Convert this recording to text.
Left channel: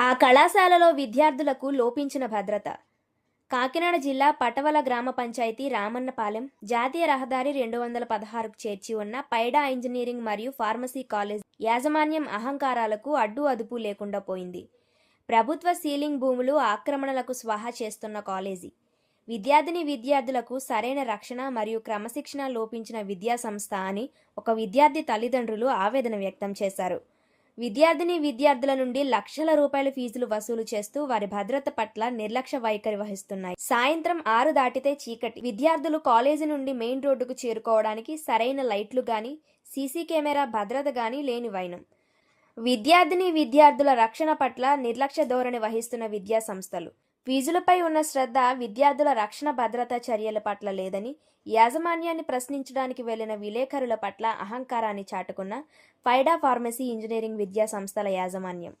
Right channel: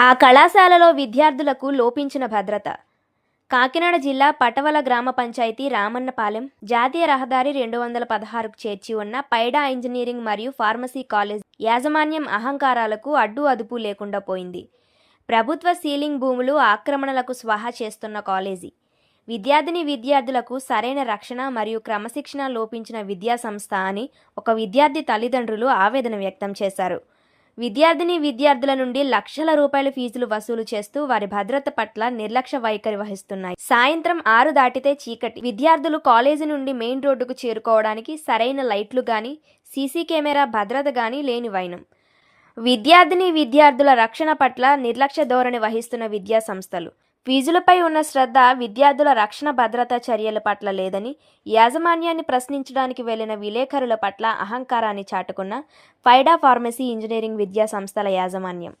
ఆ కళాశాలలో విద్యార్థులకు లోపించిన భద్రత. కాకినాడ జిల్లా పటవల గ్రామ పంచాయతీ రామన్నపాలెం జాతీయ రహదారి రెండు వందల పదహారుకు చేర్చి ఉన్న పైడా ఇంజనీరింగ్ మరియు ఫార్మసీ కాలేజ్ యాజమాన్యం అహంకారాలకు అడ్డు అదుపు లేకుండా పోయింది. ప్రభుత్వ సీలింగ్ భూములు ఆక్రమణలకు స్వాహా చేస్తున్న కాలేజీ. విద్యార్థిని విద్యార్థులకు సరైన రక్షణ మరియు క్రమశిక్షణ లోపించిన విద్యా సంస్థ అని ఒక విద్యార్థి తల్లిదండ్రులు ఆవేదన వ్యక్తం చేశారు. విద్యార్థిని విద్యార్థుల నుండి లక్షల రూపాయల ఫీజులు వసూలు చేస్తూ వారి భద్రత పట్ల నిర్లక్ష్య వైఖరి వహిస్తున్నాయి. సాయంత్రం ఆరు దాటితే చీకటి. విద్యార్థులు కాలేజీ నుండి మెయిన్ రోడ్డుకు చేరుకోవడానికి సరైన లైట్లు గాని సీసీ కెమెరా భద్రత గాని లేని వైనం. విద్యార్థిని విద్యార్థుల రక్షణ పట్ల నిర్లక్ష్య ధోరణి వహిస్తున్న విద్యా సంస్థలు. ఫీజులపై ఉన్న శ్రద్ధ విద్యార్థుల రక్షణ భద్రతా చర్యల పట్ల లేదని యాజమాన్యాన్ని ప్రశ్నించడానికి వెళ్ళిన విలేకరుల పట్ల అహంకారాన్ని చాటుకున్న ఫైడా ఫార్మసీ ఇంజనీరింగ్ విద్యా సంస్థల యాజమాన్యం.